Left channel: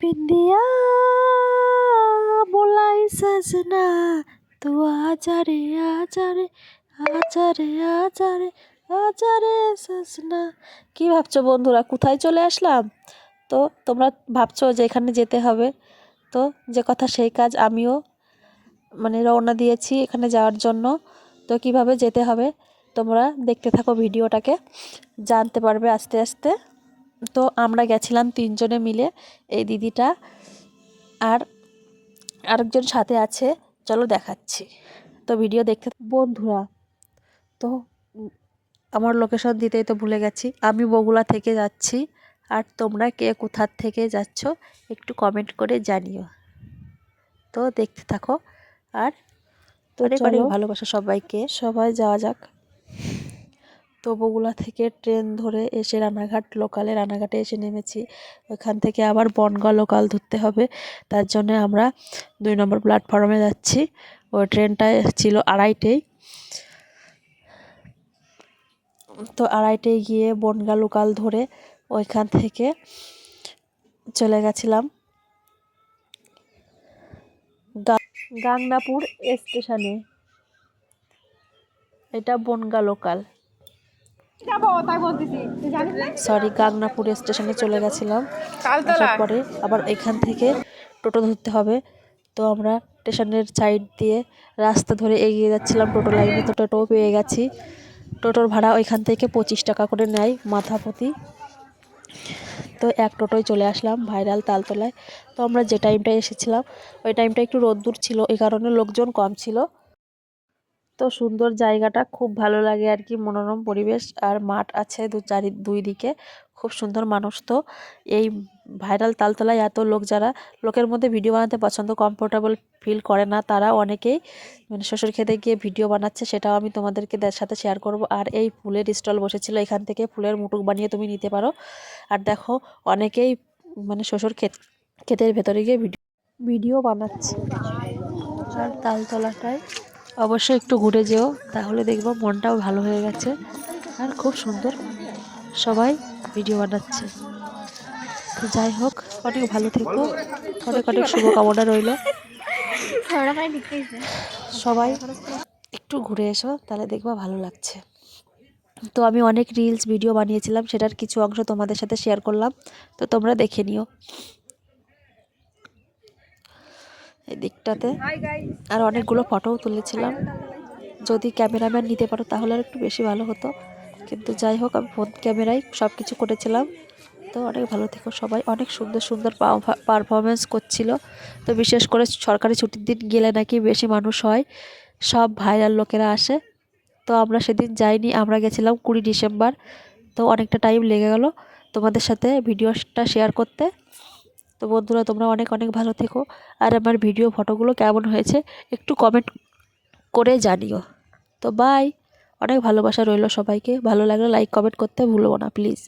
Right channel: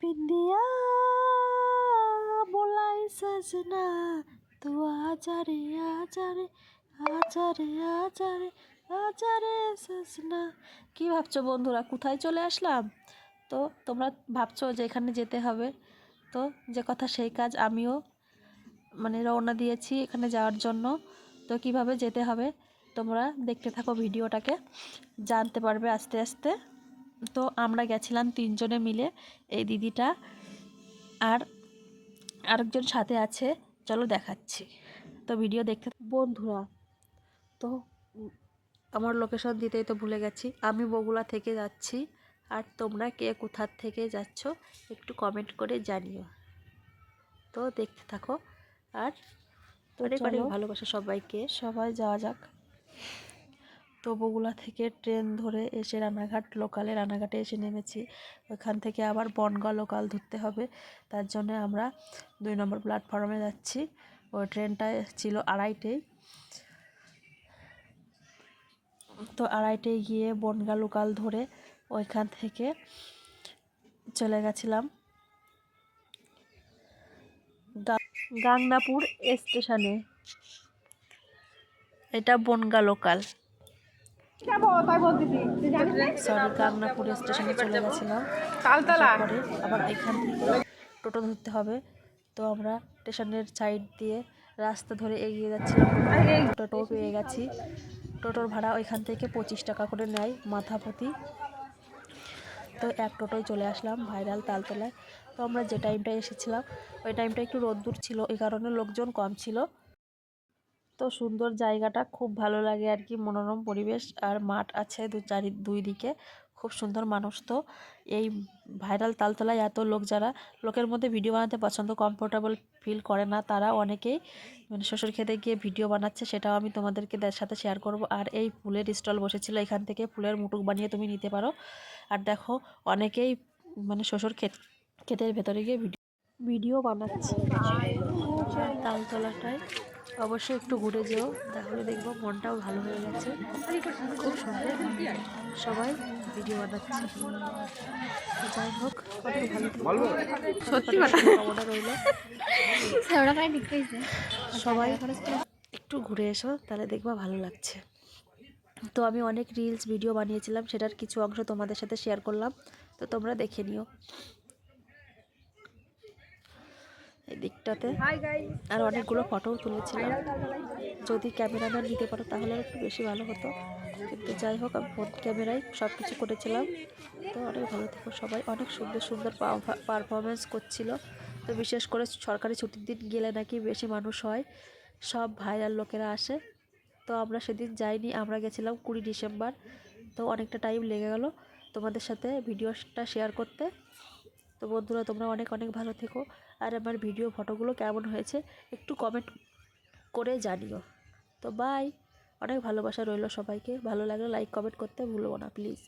बिंदिया बोलाई सजना तू आजा रे आजा रे आजा रे आजा रे आजा रे सजना। কি ভাবছো বন্ধুরা, কোথায় চলে আসলাম? তো তোমরা ভাবছো যে এখানে যেতে হবে, তো যে কথা সেই কাজ, আমিও রওনা দিয়েছি এখানে যাওয়ার জন্য। তো কিভাবে যেতে হবে তোমরা দেখতে থাকো ভিডিওটাকে, জানতে পারবে আস্তে আস্তে। তো আমরা গেছিলাম 3 জনে মিলে, এই দিদিটা আর আরেকজন সাথে আছে, চলো দেখাচ্ছি। তো ভিডিও দেখতে বন্ধুরা। তো আমার লোকেশন দিতেই তো ভুলে গেছি, আমি বগুড়া থেকে যাচ্ছি। আর তোমরা কে কোথার থেকে যাচ্ছ একটু কমেন্ট করে জানিও। তো দেখতে থাকো। আর তো অনেক ভালোবাসা সবাইকে, সবাই যাওয়া যাক। তো বগুড়া থেকে ট্রেন ধরে এসে রানাঘাটে এসে নেমেছি। ওইখান থেকে আবার বনগাঁ লোকাল ধরতে হবে, তার জন্য আমরা 2 নম্বর প্ল্যাটফর্মে যাচ্ছি। ওই ট্রেনটা ছিল 2:30টায়। তো 2:30টায় গিয়ে বনগাঁ লোকাল ধরে ওইখান থেকে চলে গেছিলাম গাংনাপুর স্টেশনে। এটা বনগাঁ লোকাল, গাংনাপুর স্টেশনে চলে গেছিলাম। তারপরে আবার এখান থেকে টোটো ধরতে হবে। তো আমরা স্টেশনের সাইড দিয়ে রাস্তা ধরে এগিয়ে যাচ্ছিলাম টোটো লাইনে। তো টোটোও পেয়ে গেছি। টোটোর ভাড়া ওইখান থেকে 25 টাকা করে নেয় মাথা প্রতি। তো এক টোটোয় চলে আসলাম ভাইরাল তালতলায়। তো আমরা যে টাইমটায় এসেছিলাম ওই টাইমটা একটু রোদ্দুর ছিল, এই কারণে লোকজন কম ছিল। তো সুন্দর জায়গাটা, খুব ভালো লাগে আর কি, মনোরম পরিবেশ আর মাঠ আছে দুই দিকে, খুব সুন্দর মানুষ। তো এই ভাইরাল তালতলায় এত লোক, যারা লোকের মধ্যে ভিডিও বানাতে পছন্দ, কমফোর্টেবল ফিল করে না, তারা অনেকেই শ্বশুর খেতে গিয়ে ভিডিও বানাচ্ছে, সেটাও আমি তোমাদেরকে সাথে শেয়ার করব। আর এই ফুলের স্টল বসেছিল, এখান থেকে ফুলের মুটুক বানিয়ে তুমি নিতে পারো। আর দেখো অনেকেই শ্বশুর ক্ষেতের ভেতরে গিয়ে ভিডিও বানাচ্ছে। আর তালতলাটায় অবশ্যই একটু ঘুরে যেও, তাহলে দেখবো মনটাও ভালো হয়ে গেছে। আর খুব সুন্দর সবাই ভিডিও বানাচ্ছে। তো যাই হোক, অনেক ভালো থেকো, অনেক শুভকামনা রইল। সবাই একটু ঘুরে এসো, তাহলে দেখবা ভালো লাগছে। তো আমি অনেক রিলস ভিডিও বানিয়েছিলাম, সেটার কিছু অংশ তোমাদের সাথে শেয়ার করলাম, তো তোমরা দেখে নিও এই দিকটাতে। আর অনেকগুলো ফটোও তুলেছিলাম, যদি ক্যামেরাম্যান নিতে পারো তাহলে আর একটু বেশি ভালো হতো, কিন্তু যাই হোক আমি ফোন ক্যামেরায় সব কিছু করেছিলাম। তো অনেক ভালো থেকো সবাই, অনেক সুন্দর সুন্দর পারফরমেন্স করছিল। তো বিশেষ করে সরকারি ছুটির দিন গেলে নাকি বেশি মানুষ হয়, সব ভাইরাল লোকেরা আসে। তো আমরা সেদিন যাইনি, আমরা গেছিলাম 20 ডিসেম্বর। তো অনেকটা টাইম লেগে গেল তোমাদের সাথে ভিডিওটা শেয়ার করতে। তো বন্ধুরা, তোমরা অনেক ভালো থেকো। আর আমার ভিডিও ফটোগুলো কেমন হয়েছে একটু কমেন্ট করে জানিও। তো বাই, অনেক ভালোবাসা রইল সবাইকে, ভালো লাগলে লাইক কমেন্ট করতে ভুলবো না প্লিজ।